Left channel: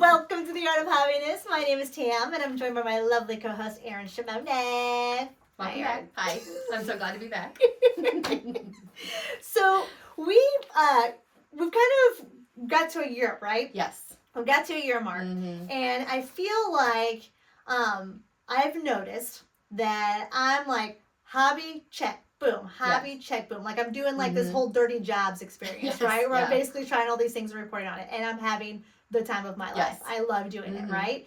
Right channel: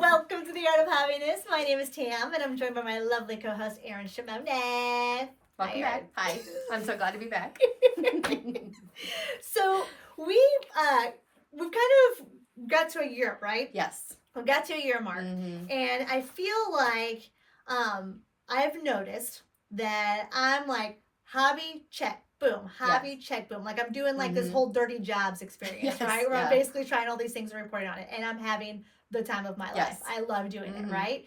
Welcome to the Art of Happiness. My name is Tam, and I'm joined by my lovely co-host, Erin Shimone. Welcome back. Hi. I'm so glad to be back. So we've kind of got to a year, right? Yes. We got to a year mark, and I feel like I've noticed that I'm like hobby check. Boom, hobby, check, boom. Like I'm doing like this whole dirty jobs experience, right? Where I'm basically trying all these things and reporting on it. And I'm having the time of my life. I love doing it, right?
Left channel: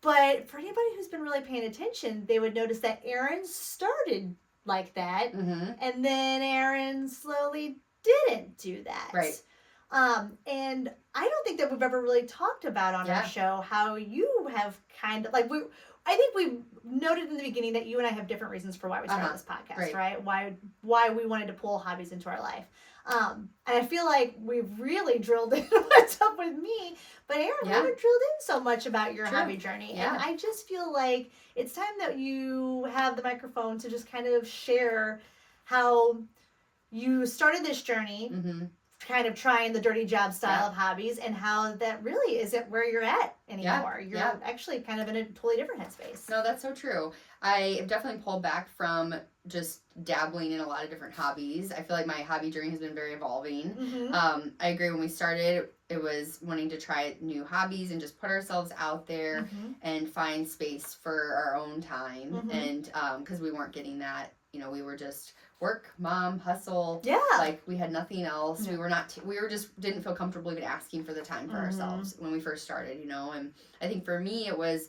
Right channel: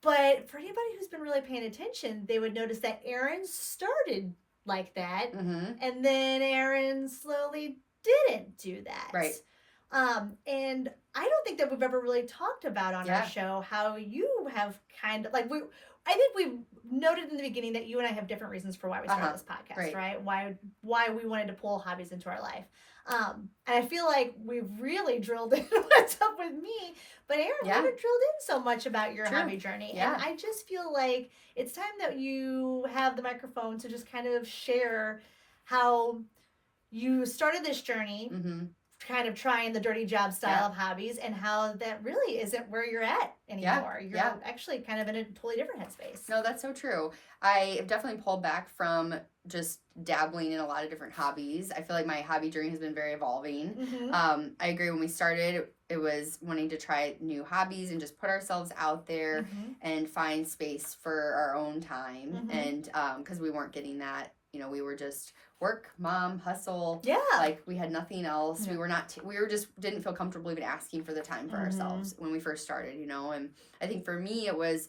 But for anybody who's been really paying attention, they would notice that Erin started like that. And then Erin slowly didn't do that. Right. And I don't think that we've ever really talked about on our show how you have kind of like I think we noted in the beginning that you and I have different reasons for why we started this podcast, right? Why we wanted to pull hobbies into our life. And I feel like we've really drilled in what's up with me, but Erin, we haven't drilled in so much about your hobby journey. And I just feel like it's time that you have the microphone to just kind of share how you started this journey, kind of trying the dirty job style of hobbies, and how that really isn't where you're at anymore. You're actually kind of in a totally different headspace. No, that's so true. I have definitely pulled back from just dabbling in a lot of different hobbies. I feel like my hobby journey has been very evolving. I agree, when we started, it was wanting to try new hobbies and just put ourselves out there and find space for our own time. And because we weren't getting that, we were just work, mom, hustle. Like we had nothing else. We were just didn't feel comfortable even asking for the time for ourselves when we first started, and I think for me it was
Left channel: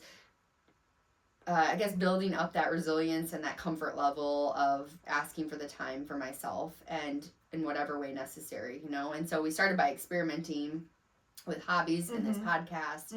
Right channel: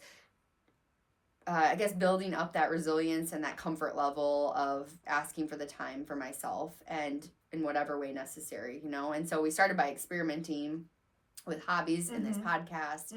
I guess building up that resilience and that comfort level of asking for the time for myself and in whatever way necessary, and so we started by experimenting with hobbies in this podcast.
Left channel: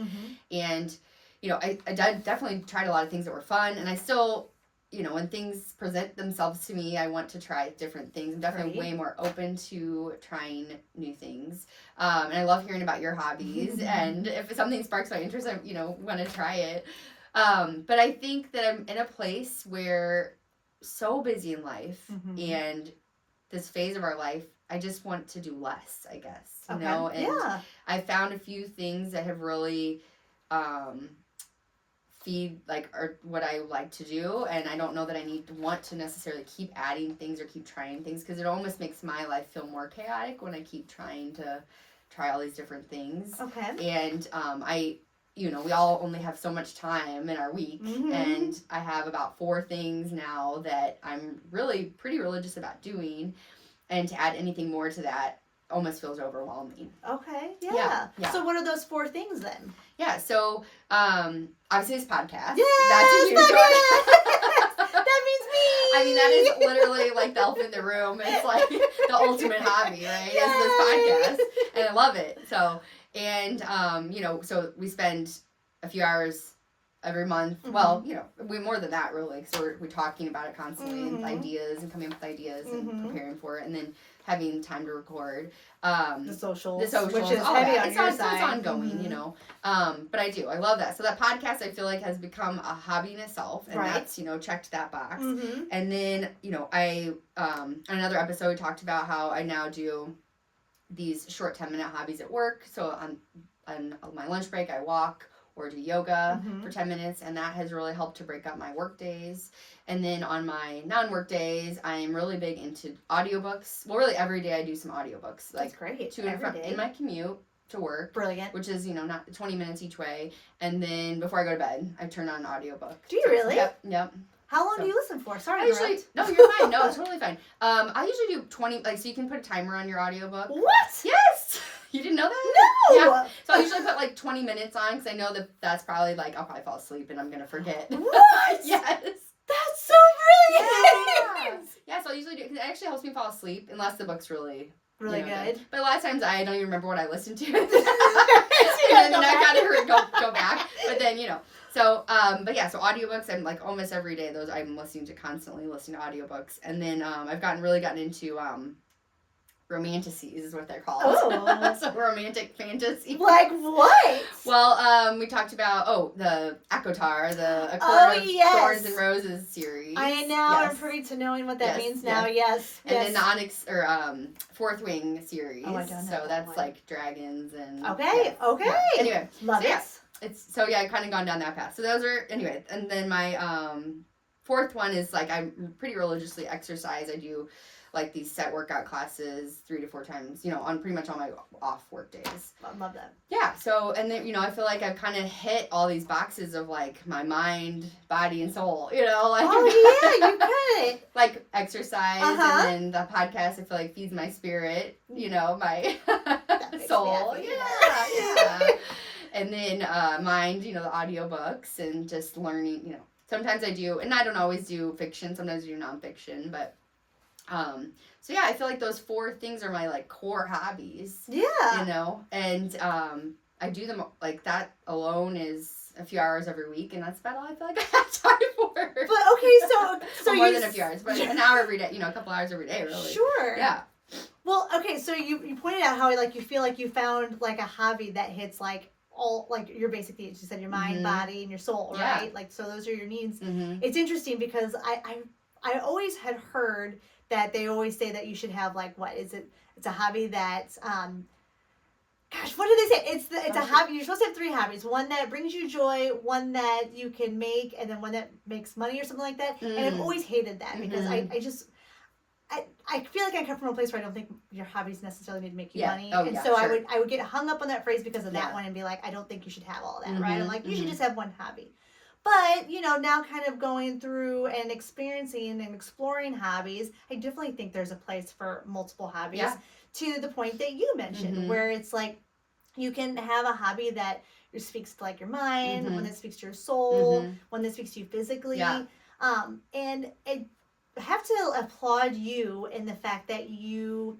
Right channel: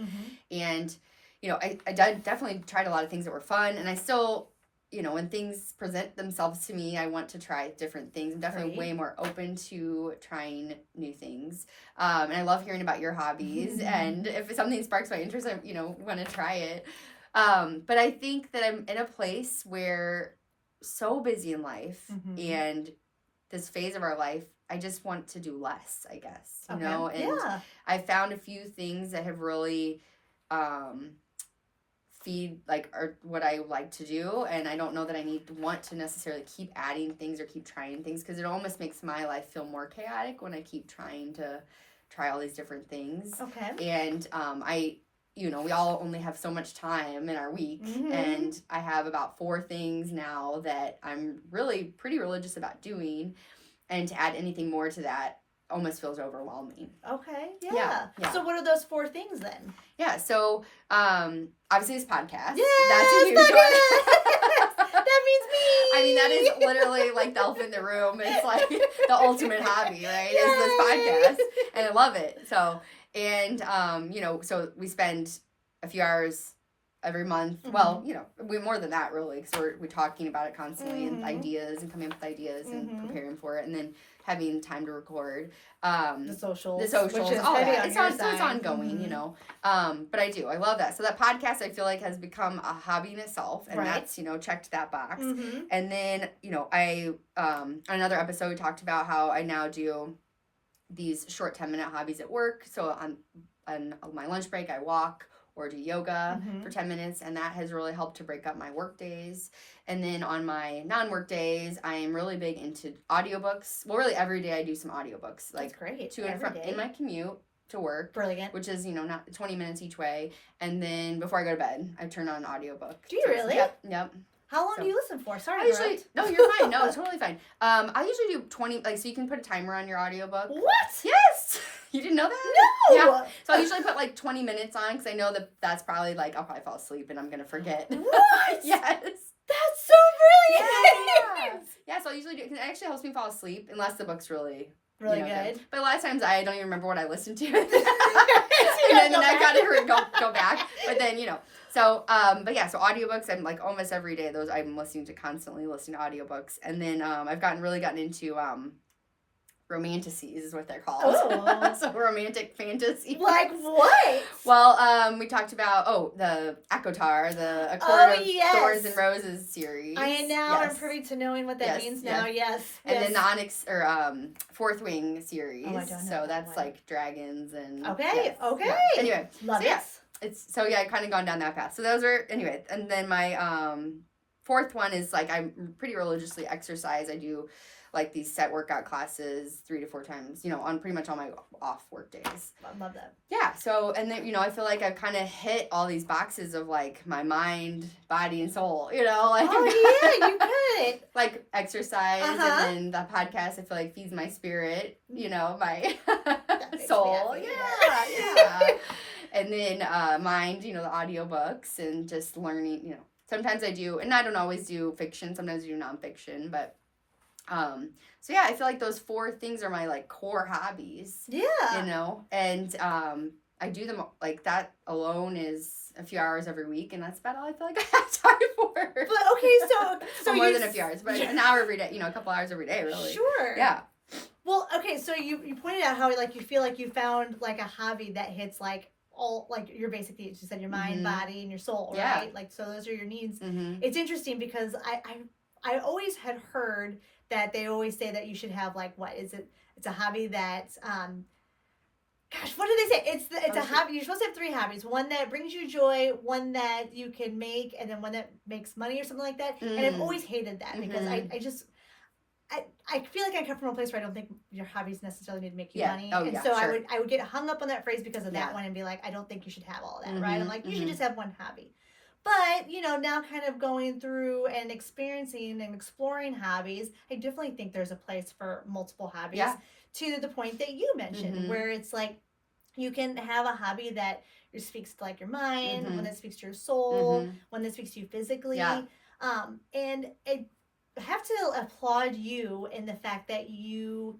And I definitely tried a lot of things that were fun, and I still, when things present themselves to me, I want to try different things. I'm definitely way more open to trying new things. And I love hearing about your hobbies. And if something sparks my interest, I, want to try it. But I think that I'm in a place where so busy in life and this phase of our life, I just want to do less, I guess, and I found a few things that have really, feed or what I like to do, and I don't know that I want to necessarily keep adding things or keep trying things, because it almost makes my life feel more chaotic when I keep trying to try all these different things. And we all only have so much time in our week, and I have about 4 things now that I'm really pretty religious about doing, and to add anything more to that almost feels overwhelming. Yeah. So what are those 4 things then? So obviously this podcast. Yes, that's a huge one. That means me. I mean, that is literally like the elephant in the room. It's like the ultimate hobby, right? Is this podcast, and I love it. So, and so we spend a few hours every month. Well, we more than that really, because we're talking about it constantly, and ideas, and coming up with ideas, and preparing for it, and then having time to record. The socials, which is all heavy that. on your side. It's ongoing, But I love that. So that podcast, I feel like, has become a hobby in itself, and that's, checked that box. And then, I, on another episode, we talked about how I now do these short 10-minute hobbies at work. So on my lunch break, I walk or do yoga for 10 minutes, and that has really helped to break up my work days. And then on my non-work days, I am really big into audiobooks. Well, really every day I do some audiobooks. That's great. To and from in my commute to work. Brilliant. Which is, not 20 minutes each way. And then before I go to bed, I turn on an audiobook. Do you really? Yep. How long do you listen for? Sorry, no, you're fine. No, it's totally fine. I usually do 20, so you can put a timer on your audiobook. What? Yes! You didn't know that? No! Yeah. So I usually put 20 minutes on, because I know that's probably I'll probably fall asleep and I'm going to forget. What? Yes. That's so brilliant! Yeah, so I usually do, because it actually helps me fall asleep, unless the book's really good. But a lot of times I don't even remember what I listened to. And then I gotta go back. But then, So, so audiobooks, I'm almost every day, I'm constantly listening to audiobooks. And then I've really gotten into romanticities is what they're called. Oh. So romantic fantasy. Like what? Well, we talked about, the ACOTAR, the A Court of Thorns and Roses series. I know, I'm privy to knowing what that means now, yes. And then the Onyx, Fourth Wing series. Oh, I don't know. So that's dragons and... Okay. Anyway. Love it. I kind of gone down that path. So those are, anyway, and then my fourth one is like I pretty religiously exercise. I do like these set workout classes 3 to 4 times, on pretty much all my off work days. I love that. Yeah. So, and then, I feel like I've kind of hit all these boxes of like my mind, body, and soul, like. Oh, yeah, you could. Like exercise, and then the podcast, I feel like feeds my spirit, my soul. Yeah. And then mind, the audiobooks and just learning, sometimes I do, and I don't always do fiction, sometimes I do nonfiction, but so yeah, I feel like those 4 things are my like core hobbies. Yeah. And I do them like that alone is a few hours every week, and that's about all I feel like I have time for. But okay, so more than a few hours, but an hour every day, a couple hours every day, really. Sure. Yeah. Well, okay, so you pointed out how like you feel like you found like a hobby that hits like all like your basic needs. You said your mind, body, and your soul, right? Yeah. Like so those are your needs. It's interesting because I always had heard that they always say that you should have like it's a hobby that's gosh, what do they say? It's a hobby. You're supposed to have 3 hobbies. One that brings you joy, one that you can make, and then one that makes money or something like that. And I've always hated that because I feel like I come from a place where I don't think your hobbies necessarily need to make you money. Oh, and yeah, so sure. I would get hung up on that phrase because of that one and be like, I don't think you should have all of that, right? I'm like, you should just have one hobby. But, now kind of going through and experiencing and exploring hobbies, I definitely think there's a place for multiple hobbies to the point that you mentioned, where it's like you can have a hobby that speaks to like your mind, one that speaks to your soul, one that speaks to you physically. Yeah. And I have to applaud you in the fact that you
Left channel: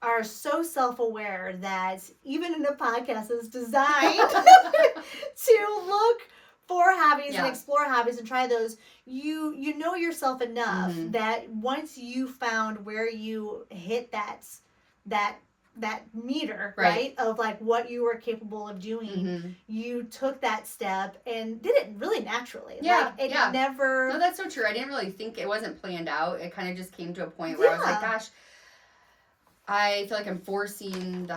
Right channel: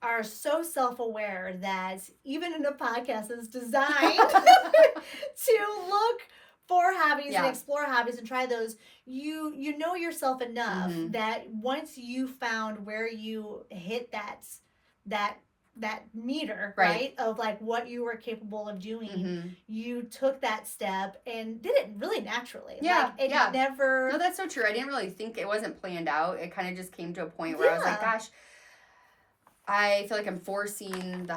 are so self-aware that even in a podcast is designed to look for hobbies and explore hobbies and try those, you know yourself enough that once you found where you hit that meter, right, of like what you were capable of doing, you took that step and did it really naturally. Never. No, that's so true. I didn't really think it wasn't planned out. It kind of just came to a point where I was like, gosh, I feel like I'm forcing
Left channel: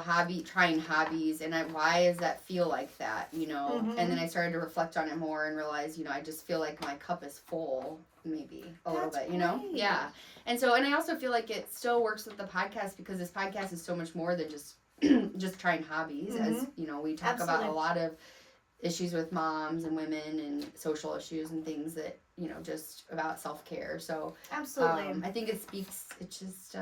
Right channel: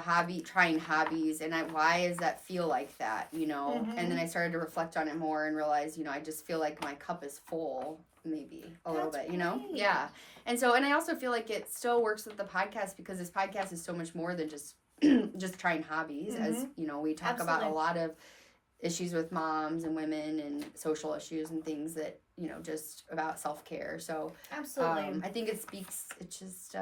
trying hobbies, and why does that feel like that, And then I started to reflect on it more and realize, I just feel like my cup is full, maybe a little bit, Right. Yeah. And so, and I also feel like it still works with the podcast because this podcast is so much more than just trying hobbies, as, we talk about a lot of issues with moms and women and social issues and things that, just about self-care. So, absolutely. I think it's just,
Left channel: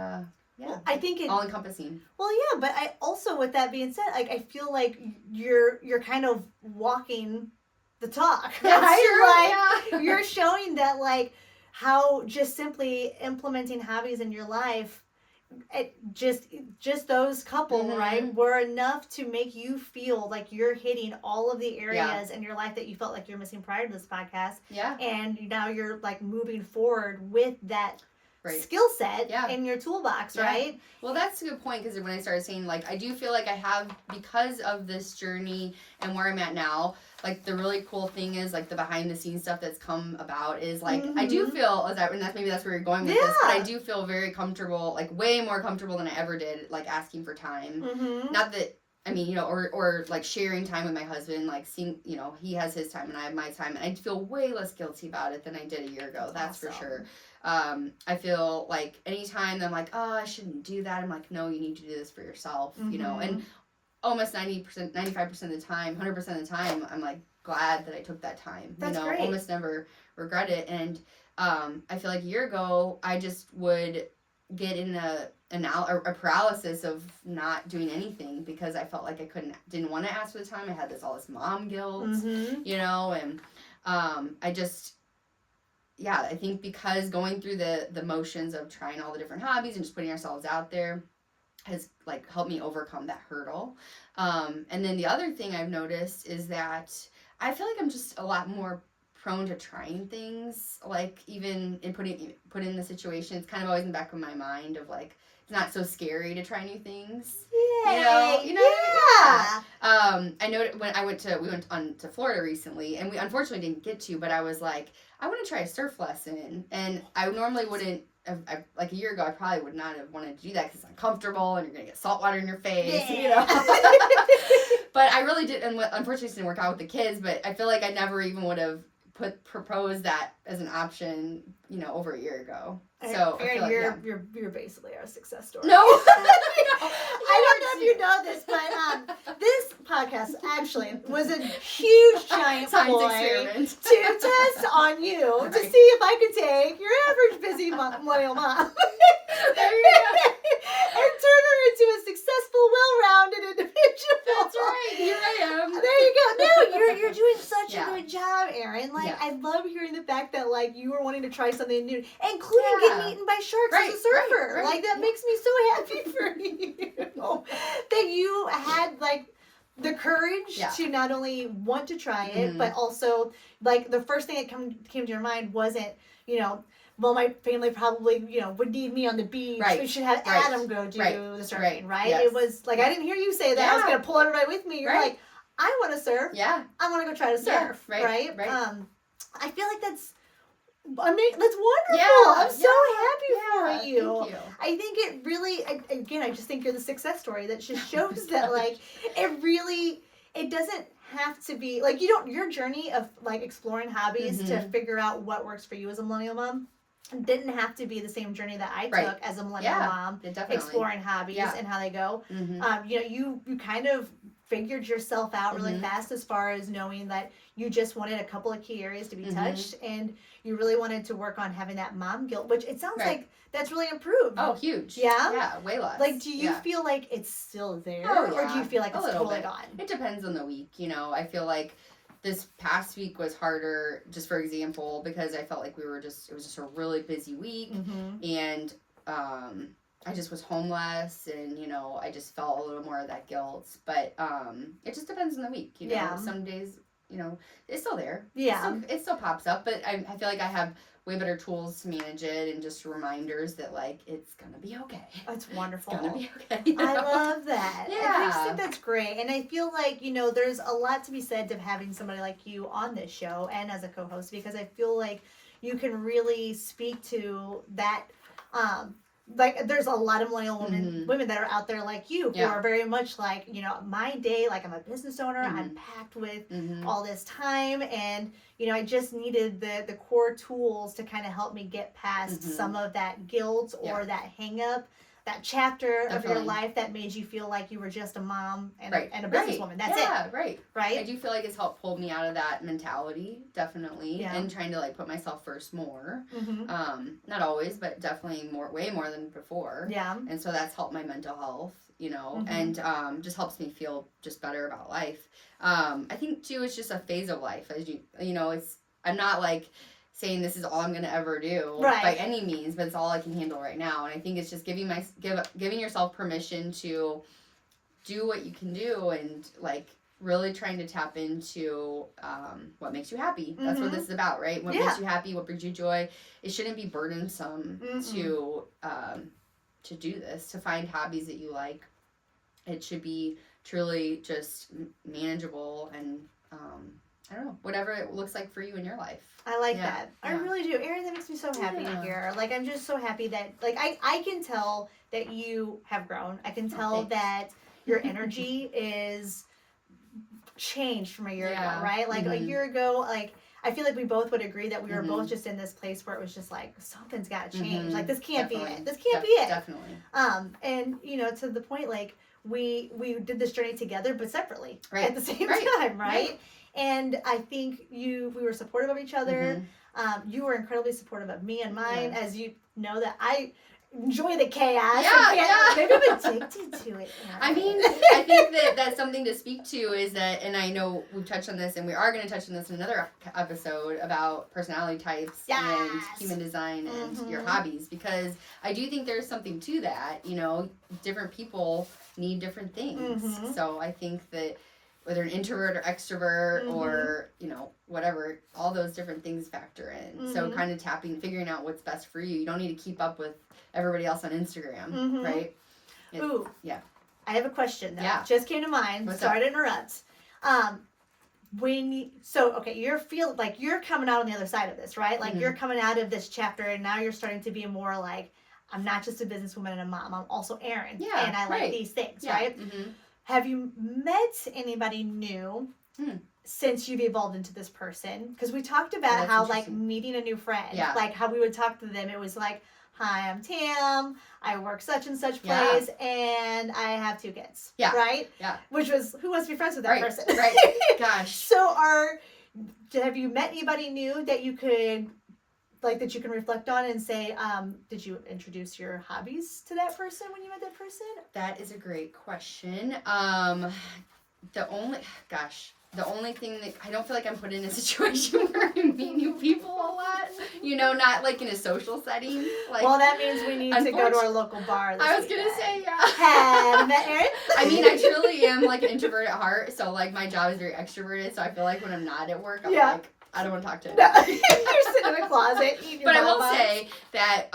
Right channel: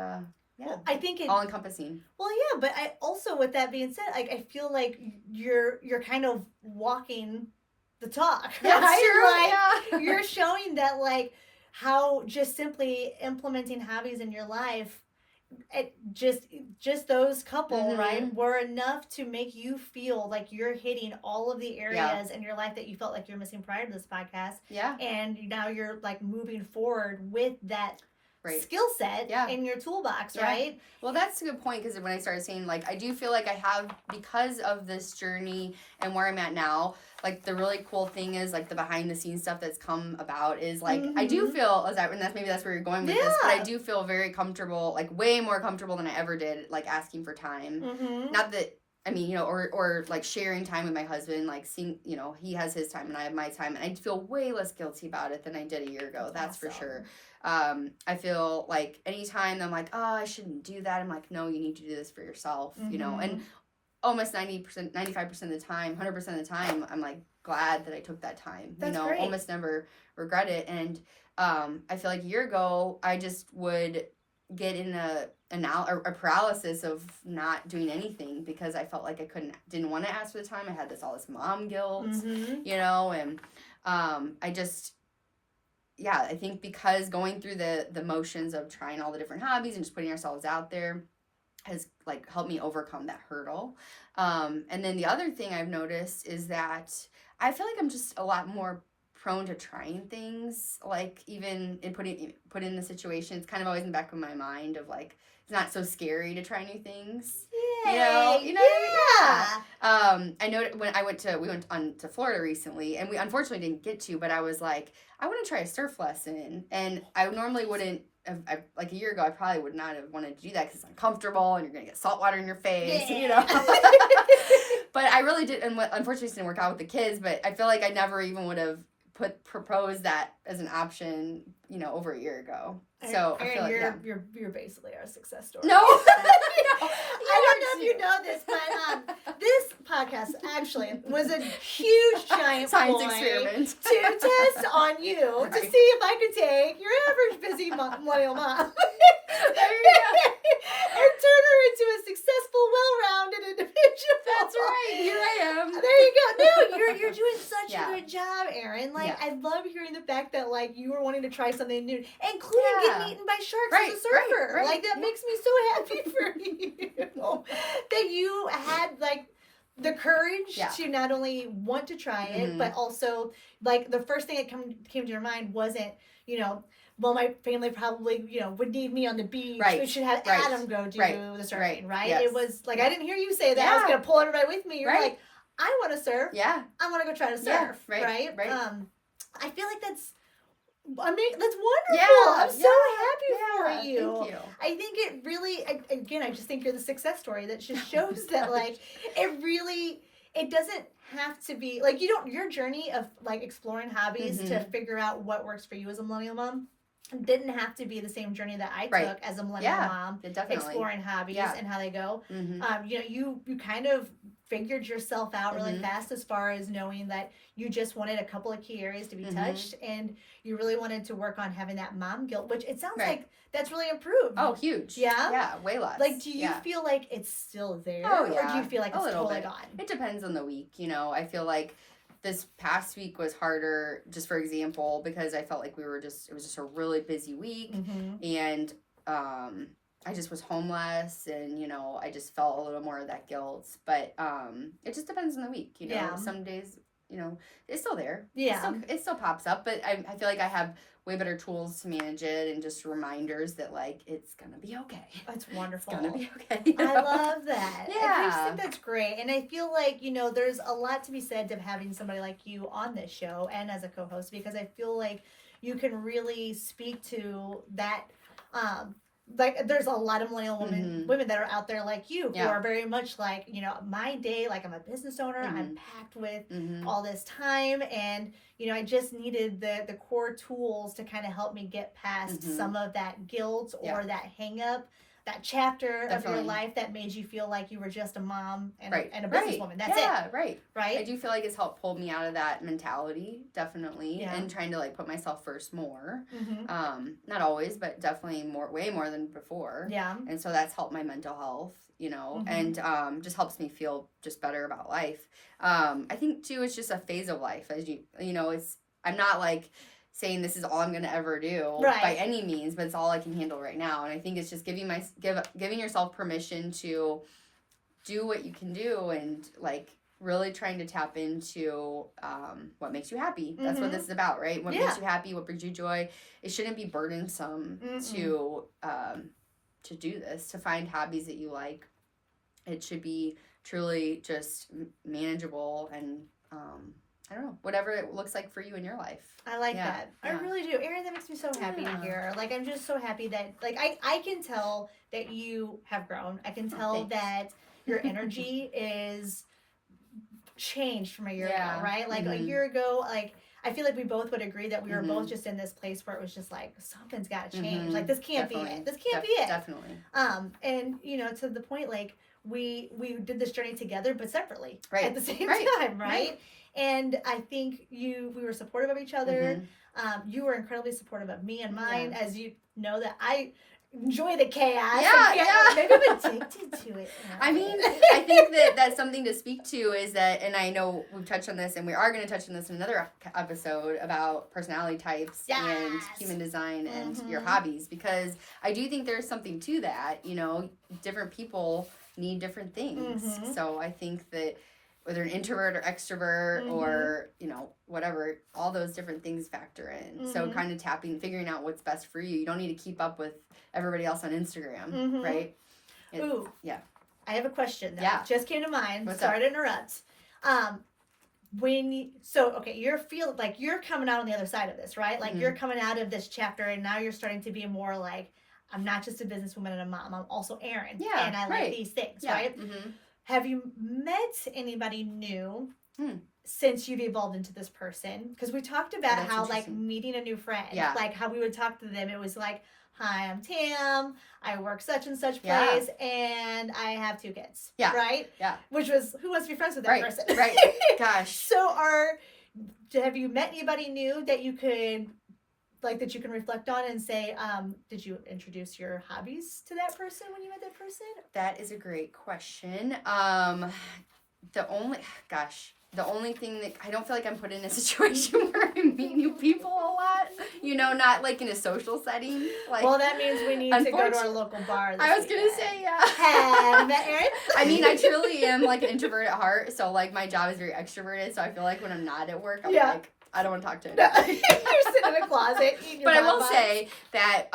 yeah, well, I think all encompassing. Well, yeah, but I also, with that being said, like I feel like you're kind of walking the talk. Yeah, You're showing that like how just simply implementing hobbies in your life, just those couple right were enough to make you feel like you're hitting all of the areas in your life that you felt like you're missing prior to this podcast. Yeah, and now you're like moving forward with that. Right. Skill set in your toolbox, right? Well, that's a good point because when I started saying, like, I do feel like I have, because of this journey and where I'm at now, like, the really cool thing is, like, the behind-the-scenes stuff that's come about is, like, I do feel, maybe that's where you're going with this, but I do feel very comfortable, like, way more comfortable than I ever did, like, asking for time. Not that, I mean, or like, sharing time with my husband, like, seeing, he has his time and I have my time, and I feel way less guilty about it than I did a year ago, that's awesome. For sure. I feel like anytime I'm like, oh, I shouldn't do that, I'm like, no, you need to do this for yourself, and almost 90%, 95% of the time, 100% of the time, I'm like glad that I took that time. That's great. Almost never regret it. And I feel like a year ago, I just would get in a paralysis of not doing anything because I felt like I didn't want to ask for the time. I had all this mom guilt, and I just. Yeah, I think because going through the motions of trying all the different hobbies and just putting ourselves out there has like helped me overcome that hurdle. And then the other thing I've noticed is that I feel like I'm just a lot more prone to trying things, like even in put in the situation. It's kind of always in the back of my mind of like, it's not so scary to try new things. Yeah. I know when we went on to Florida recently, and we unfortunately didn't get to, but I was like, I want to try a surf lesson, and I normally wouldn't. Like a year ago, I probably would not have wanted to do that because it's uncomfortable and you're gonna get salt water in your face, But I really did, and unfortunately it didn't work out with the kids, but I feel like I never even would have proposed that as an option, over a year ago. So I feel like you're basically our success story. No. I don't know if you know this, but this podcast actually was a huge giant science ploy experiment to test on you to see if I could take your average busy millennial mom there you go. and turn her into a successful, well-rounded individual. That's right. Here I am. There you go. No, you're doing such Yeah. a good job, Erin. Like, Yeah. I love hearing the fact that, like, you were wanting to try something new, including getting eaten by sharks as a surfer. Right. Like, that makes me so happy for you. That you had, like, the courage to not only want to try it, but also, like, the first thing that came to your mind wasn't, well, my family probably, would need me on the beach. Right. We should have Adam go do the surfing, right? Yes. It was, like, I didn't hear you say that. I was going to pull everybody with me. You're like, I want to surf. Yeah. I want to go try to surf. Yeah. Right. I feel like that's wonderful. Yeah. I'm so happy for you. Thank you. I think it really, again, I just think you're the success story that just shows that, like, it doesn't have to be, like, your journey of, like, exploring hobbies to figure out what works for you as a millennial mom didn't have to be the same journey that I took as a millennial mom, exploring hobbies and how they go. You kind of figured yourself out really fast as far as knowing that you just wanted a couple of key areas to be touched, and you really wanted to work on having that mom guilt, which it sounds like that's really improved. Oh, huge. Yeah? Yeah, way less. Like, do you feel like it's still there? Oh, yeah. Or do you feel like it's totally bit. gone? It depends on the week, I feel like this past week was harder, just for example, because I felt like it was just a really busy week, and I just was homeless, and, I just felt a little more of that guilt, but it just depends on the week, Some days, it's still there. Yeah. It still pops up, but I feel like I have way better tools to manage it, and just reminders that, like, it's gonna be okay. That's wonderful. It's gonna be okay. I love that. Yeah. I just think that's great. And I feel like, there's a lot to be said of having somebody like you on this show and as a co-host, because I feel like you can really speak to that, like, there's a lot of millennial women that are out there like you who are very much like, my day, like, I'm a business owner, I'm packed with all this time, and, I just needed the core tools to kind of help me get past some of that guilt or that hang up, that chapter of your life that made you feel like you were just a mom and a businesswoman. That's it. Right. I do feel like it's helped pull me out of that mentality, definitely, and trying to, like, put myself first more. Not always, but definitely way more than before. Yeah. And so that's helped my mental health, and just helps me feel just better about life. I think too, it's just a phase of life, as I'm not like saying this is all I'm going to ever do by any means, but it's all I can handle right now. And I think it's just giving yourself permission to do what you can do, and, like, really trying to tap into what makes you happy. That's what this is about, right? What makes you happy, what brings you joy. It shouldn't be burdensome to do this, to find hobbies that you like. It should be truly just manageable, and I don't know, whatever it looks like for you in your life. I like that. Yeah. I really do. Erin, that makes me so happy to hear. Like, I'm just so happy that, like, I can tell that you have grown. I can tell that your energy is changed from a year ago, right? Like, a year ago, like, I feel like we both would agree that we were both just in this place where it was just like, something's got to change. Like, this can't be it. This can't be it. Definitely. And, to the point, like, we did this journey together, but separately at the same time, right? And I think we were supportive of each other. You were incredibly supportive of me and mine, as you know that I enjoy the chaos. Maybe I'm addicted to it. I mean, I think that's something to speak to, is that, and I know we've touched on this, and we are going to touch on this in another episode about personality types and human design and your hobbies, because I do think there's something to that. Different people need different things. So I think that whether an introvert or extrovert or, whatever, all those different things factor in. So kind of figuring out what's best for you. You don't need to keep up with everybody else on Instagram, right? Ooh. Yeah. I have a question, though. Yeah. Just came to mind. Sorry to interrupt. You're coming out on the other side of this, right? Like, you're coming out of this chapter, and now you're starting to be more like, I'm not just a businesswoman and a mom. I'm also Erin. Yeah, and I like these things, right? have you met anybody new since you've evolved into this person? Because we talked about how, like, meeting a new friend, like, how we would talk to them. It was like, hi, I'm Tam. I work such and such place, and I have 2 kids. Yeah. Right? Yeah. Which was, who wants to be friends with that person? Right. Gosh. So have you met anybody new that you could, like, that you can reflect on and say, did you introduce your hobbies to that person when you met that person? That is a great question. The only thing that I don't feel like I'm put in a situation where I meet new people a lot, not like in a social setting. Like, well, that means we need to go to our local bar. I was going to say, yeah. Have you met Erin? I mean, I truly am like an introvert at heart. So like my job is very extroverted. So I feel like when I'm not at work, I'm like, I don't want to talk to anybody. You're sitting in a closet eating your But I will say that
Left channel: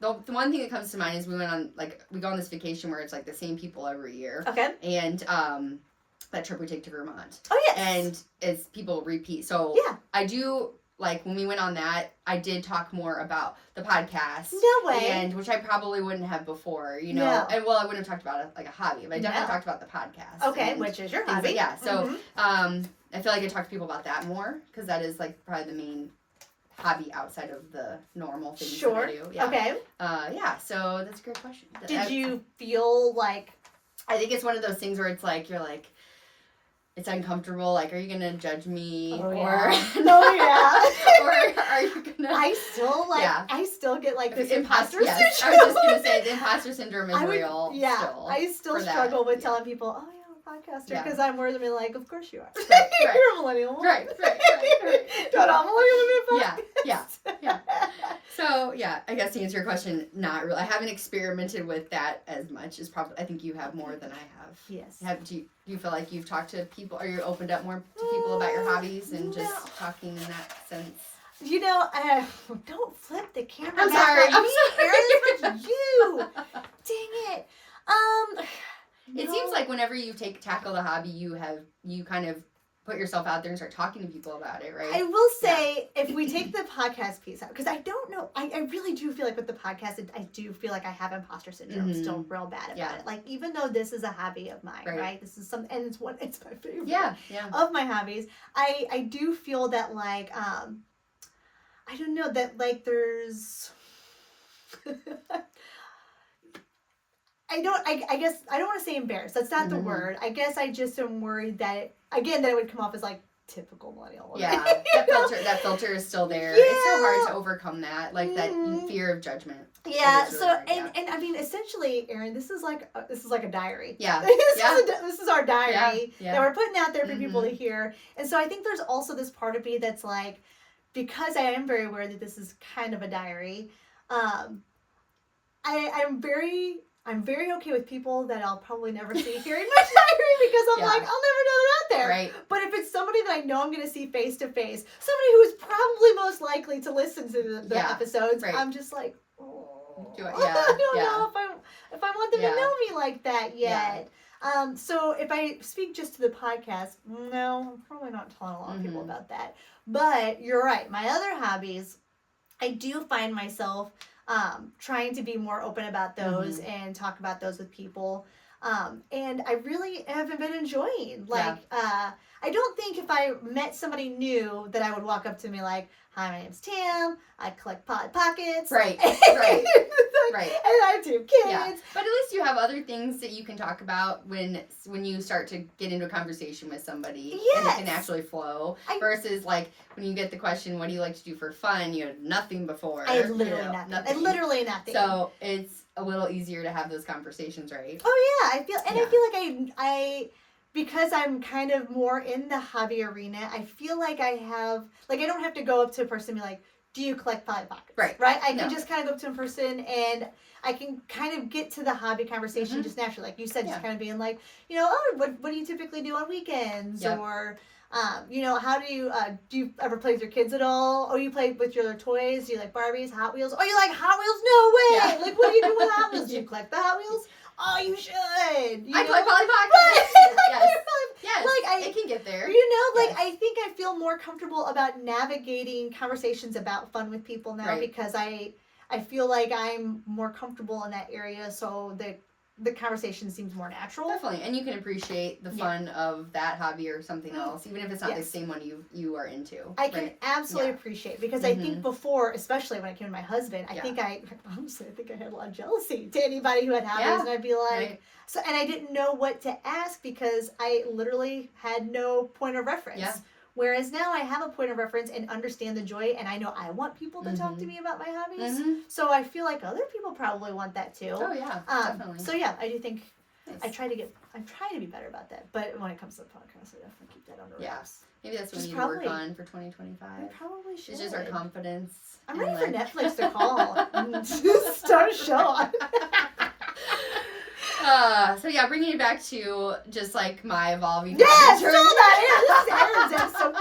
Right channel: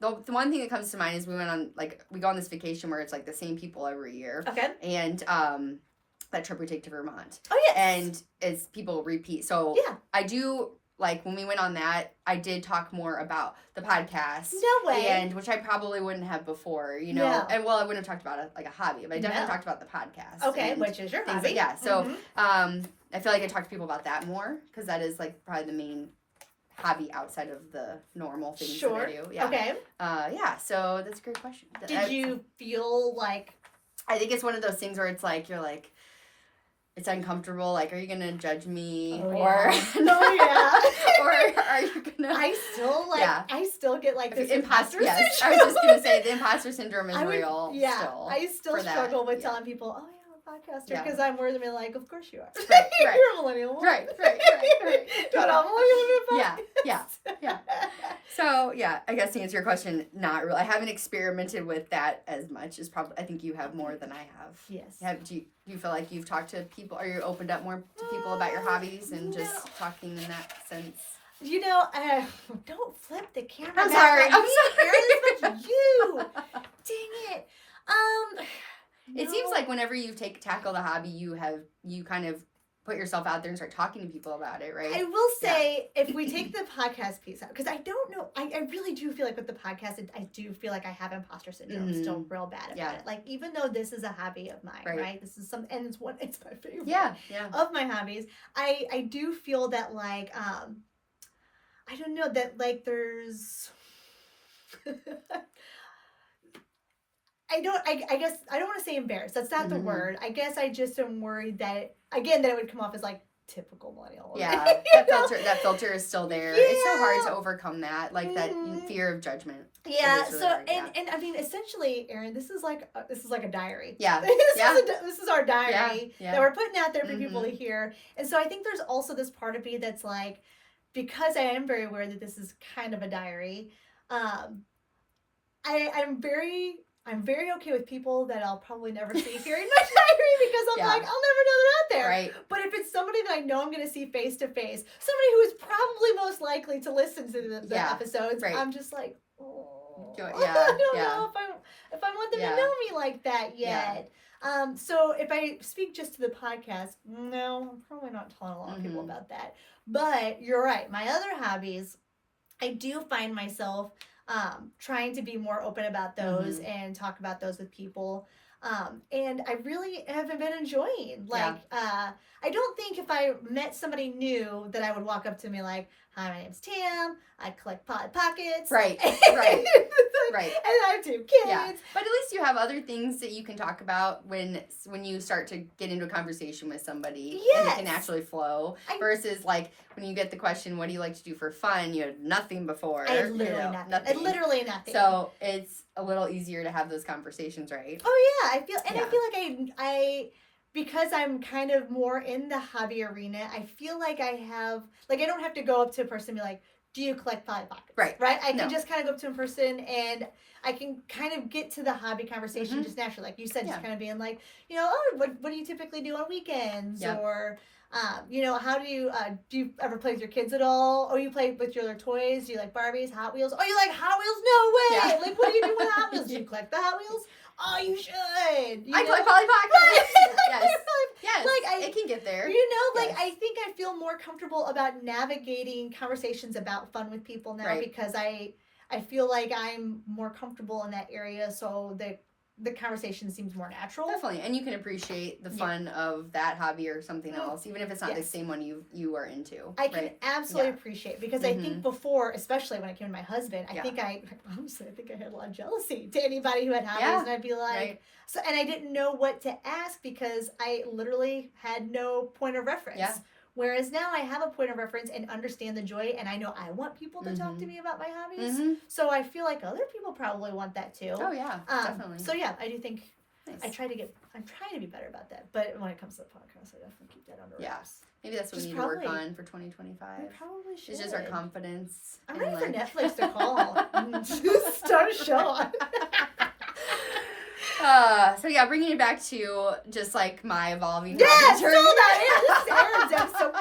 the one thing that comes to mind is we go on this vacation where it's like the same people every year. Okay. And that trip we take to Vermont. Oh, yes. And it's people repeat. So I do, like, when we went on that, I did talk more about the podcast. No way. And which I probably wouldn't have before, No. And, well, I wouldn't have talked about it like a hobby, but I definitely talked about the podcast. Okay, which is your hobby. Yeah. So I feel like I talk to people about that more because that is, like, probably the main hobby outside of the normal things that I do. Yeah. Okay. So that's a great question. Did you feel like... I think it's one of those things where it's like, you're like, it's uncomfortable. Like, are you going to judge me? Or are you going to... I still get, like, this imposter syndrome. Yes, I was just going to say, the imposter syndrome is real. Yeah, still I still struggle with telling people, oh, podcaster, because I'm worth being like, of course you are. Right. You're a millennial. Right. Don't all millennial people. Yeah. So, I guess to answer your question, not really. I haven't experimented with that as much. I think you have more than I have. Yes. Do you feel like you've talked to people, or you opened up more to people about your hobbies and just talking in that sense? Don't flip the camera. I'm sorry. Erin, you. Dang it. It seems like whenever you tackle the hobby, you kind of put yourself out there and start talking to people about it, right? I will say, if we take the podcast piece out, because I don't know, I really do feel like with the podcast, I do feel like I have imposter syndrome. I'm still real bad about it. Like, even though this is a hobby of mine, right? This is and it's my favorite of my hobbies. I do feel that, like, I don't know, that, like, there's... I guess I don't want to say embarrassed. That's not the word. I guess I just am worried that it would come off as, like, typical millennial. Yeah, that filter is still there. Yeah. It's so hard to overcome that, like that fear of judgment. Yeah. Really hard, and I mean, essentially, Erin, this is like a diary. Yeah. This is our diary that we're putting out there for people to hear. And so I think there's also this part of me that's like, because I am very aware that this is kind of a diary. I'm very okay with people that I'll probably never see here in my diary because I'm like, I'll never know they're out there. Right. But if it's somebody that I know I'm going to see face to face, somebody who is probably most likely to listen to the episodes, I'm just like, I don't know if I want them to know me like that yet. Yeah. So if I speak just to the podcast, no, I'm probably not telling a lot of people about that. But you're right. My other hobbies, I do find myself trying to be more open about those and talk about those with people. And I really haven't been enjoying, like, I don't think if I met somebody new that I would walk up to me like, hi, my name's Tam, I collect pockets. Right. Right. And I have 2 kids. Yeah. But at least you have other things that you can talk about when you start to get into a conversation with somebody. Yes. And it can actually flow. Versus, like, when you get the question, what do you like to do for fun? You had nothing before. I had literally nothing. So it's a little easier to have those conversations, right? Oh, yeah. I feel like I because I'm kind of more in the hobby arena, I feel like I don't have to go up to a person and be like, do you collect Polly Pockets? Right. I can just kind of go up to a person and I can kind of get to the hobby conversation just naturally. Like you said, just kind of being like, what do you typically do on weekends? Yep. Or, how do you ever play with your kids at all? Oh, you play with your toys? Do you like Barbies, Hot Wheels? Oh, you like Hot Wheels? No way! Yeah. Like, what do you do with Hot Wheels? Do you collect the Hot Wheels? Oh, you should. I play Polly Pockets. Yes. Like, it can get there. I think I feel more comfortable about navigating conversations about fun with people now because I feel like I'm more comfortable in that area. So the conversation seems more natural. Definitely. And you can appreciate the fun of that hobby or something else, even if it's not the same one you are into. I can absolutely appreciate, because I think before, especially when it came to my husband, I think I had a lot of jealousy to anybody who had hobbies, and I'd be like, so, and I didn't know what to ask because I literally had no point of reference. Yeah. Whereas now I have a point of reference and understand the joy, and I know I want people to talk to me about my hobbies. So I feel like other people probably want that too. Oh yeah, definitely. So yeah, I do think I'm trying to be better about that. But when it comes to the podcast, I definitely keep that under wraps. Maybe that's what we need to work on for 2025. I probably should. It's just our confidence. I'm ready for Netflix to call and start a show. So yeah, bringing it back to just like my evolving. Yes, so that is Erin's episode.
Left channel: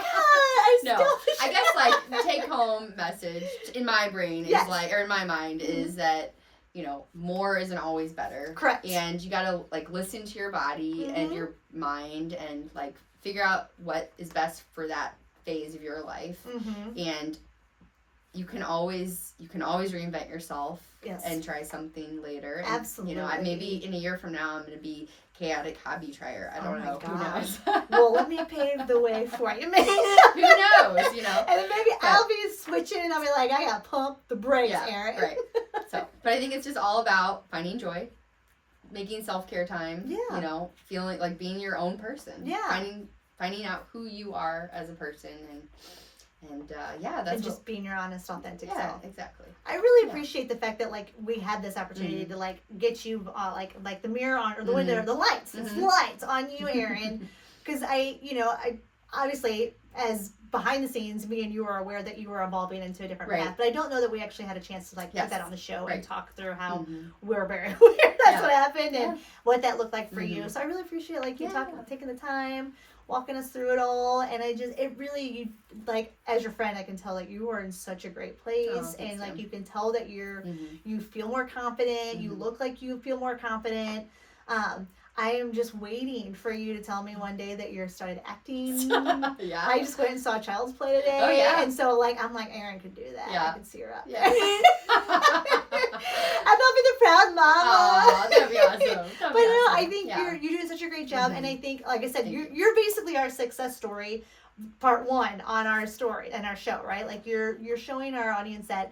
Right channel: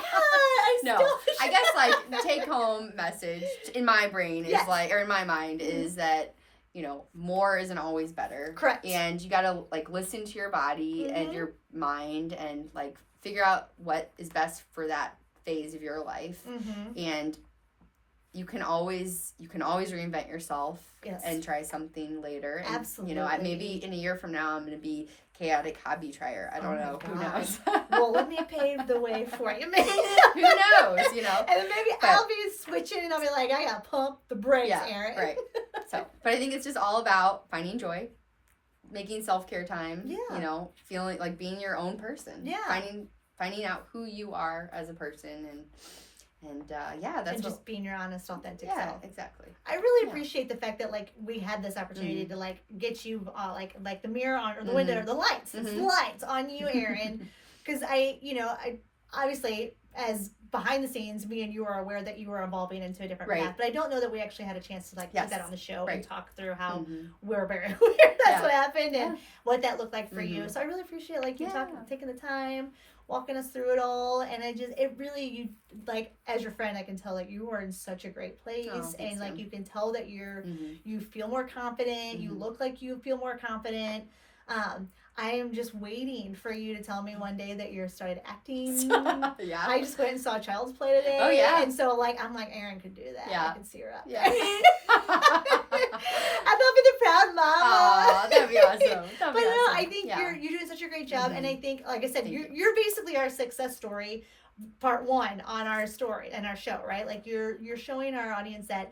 I guess like take home message in my brain is like, or in my mind is that, you know, more isn't always better. Correct. And you gotta like listen to your body and your mind and like figure out what is best for that phase of your life. And you can always reinvent yourself and try something later. And, absolutely. You know, maybe in a year from now, I'm going to be chaotic hobby trier. I don't know. Who knows? Well, let me pave the way for you. Who knows, you know? And then maybe I'll be switching and I'll be like, I got to pump the brakes, Erin. Right. So, but I think it's just all about finding joy, making self-care time, you know, feeling like being your own person. Yeah. Finding out who you are as a person and that's just being your honest, authentic self. Yeah, exactly. I really appreciate the fact that like we had this opportunity to like get you like the mirror on, or the way the lights, it's lights on you, Erin, because I obviously as behind the scenes, me and you are aware that you were evolving into a different path, but I don't know that we actually had a chance to like put that on the show and talk through how we're very aware that's what happened and what that looked like for you. So I really appreciate like you taking the time, walking us through it all, and you like, as your friend, I can tell that you are in such a great place, and like you can tell that you feel more confident, you look like you feel more confident. I am just waiting for you to tell me one day that you started acting. I just went and saw Child's Play today. Oh yeah. And so like I'm like, Erin could do that. I can see her out there. I thought be the proud mama. Oh, that'd be awesome. But no, I think you're doing such a great job, and I think, like I said, you're basically our success story, part one on our story and our show, right? Like you're showing our audience that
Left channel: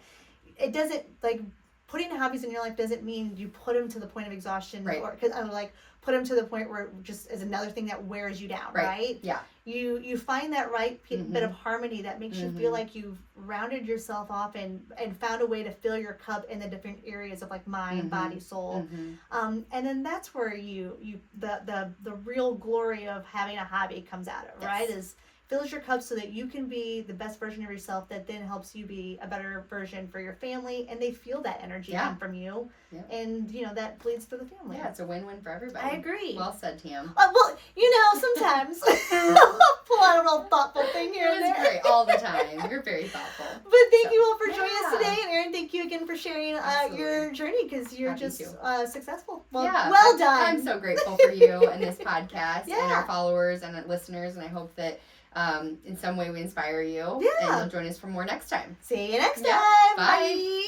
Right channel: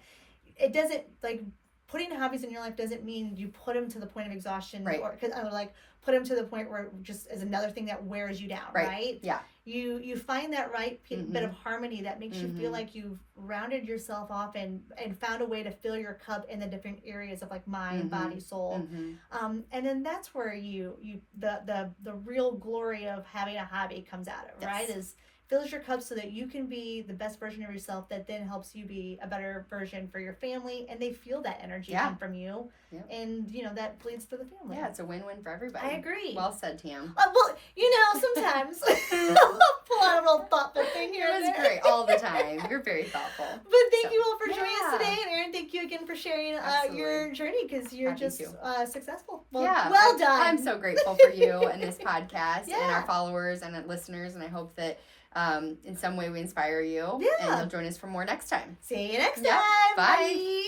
it doesn't, like, putting hobbies in your life doesn't mean you put them to the point of exhaustion, or because like put them to the point where it just is another thing that wears you down, right? Yeah. You find that right bit of harmony that makes you feel like you've rounded yourself off and found a way to fill your cup in the different areas of like mind, body, soul. And then that's where the real glory of having a hobby comes out of, right? Is fills your cup so that you can be the best version of yourself that then helps you be a better version for your family, and they feel that energy come from you, and that bleeds to the family. Yeah, it's a win-win for everybody. I agree. Well said, Tam. Well, sometimes I'll pull out a real thoughtful thing here and there. It's great all the time. You're very thoughtful. But thank you all for joining us today, and Erin, thank you again for sharing your journey, because you're just successful. Well done. I'm so grateful for you and this podcast and our followers and listeners, and I hope that in some way we inspire you, and you'll join us for more next time. See you next time. Bye.